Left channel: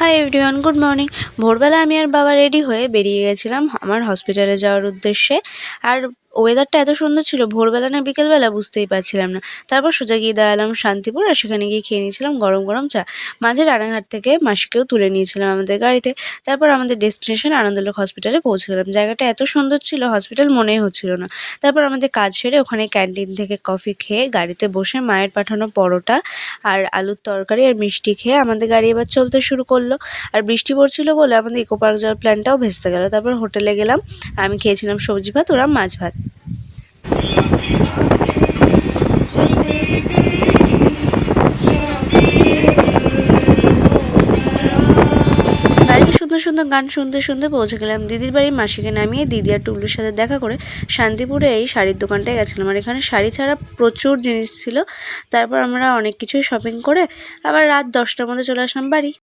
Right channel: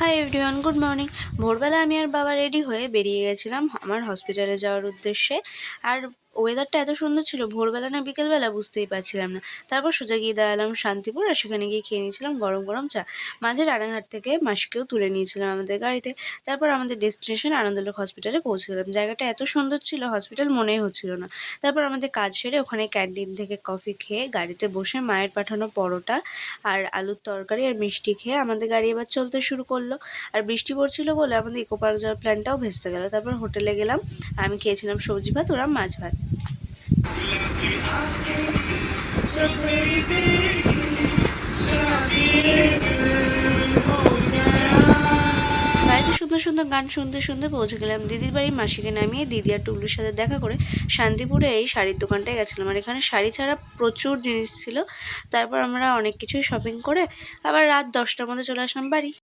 Hi everyone, good morning. ভোরবেলা আমি আর বাবা রেডি হয়ে বেরিয়ে গেছিলাম আমার হসপিটালে যাওয়ার উদ্দেশ্যে। আর ওয়েদারটা এত সুন্দর ছিল, ভোরবেলা না বিকেলবেলা বুঝতেই পারছিলাম না। তারপর সোজা গিয়ে দাঁড়ালাম শান্তিপুর, আর সেখানে গিয়ে খেয়ে নিয়েছিলাম গরম গরম চা। মাঝে রানাঘাট থেকে মাসিকেও তুলে নিয়েছিলাম আমাদের গাড়িতে। তারপর আমাদের ডেস্টিনেশন আনন্দলোক হসপিটালে পৌঁছে গেলাম। জায়গাটা এত সুন্দর ছিল, হসপিটাল মনেই হচ্ছিল না। তারপর আমাদের কাজ সেরে ওখানে ক্যান্টিন থেকে কফি খেয়ে গাড়িতে বসে মায়ের পাঠানো পরোটা আর আলুর তরকারি আর মিষ্টি খেয়ে আমাদের গাড়ি এবার চলতে শুরু করলো। আর বৃষ্টি পড়ছিল বলে আমাদের ইকো পার্ক যাওয়ার প্ল্যানটাও ভেস্তে গেল। তারপর হোটেলে গেলাম, আমি খেয়েছিলাম সবজি ভাত, ওরা মাছ ভাত। বাড়িতে সুন্দর সুন্দর গান শুনতে শুনতে পৌঁছে গেলাম দিদির বাড়ি। মাসিকে নামিয়ে দিদি আর টুবলুর সাথে দেখা করে শান্তিপুরে এই শাড়ির দোকানটায় গেছিলাম। আর এখানে শাড়ি ছাড়া প্রচুর জিনিস ছিল। তারপর আমরা অনেক কিছুই শপিং করে আবার রাত 10টার মধ্যে চলে আসলাম বাড়ি।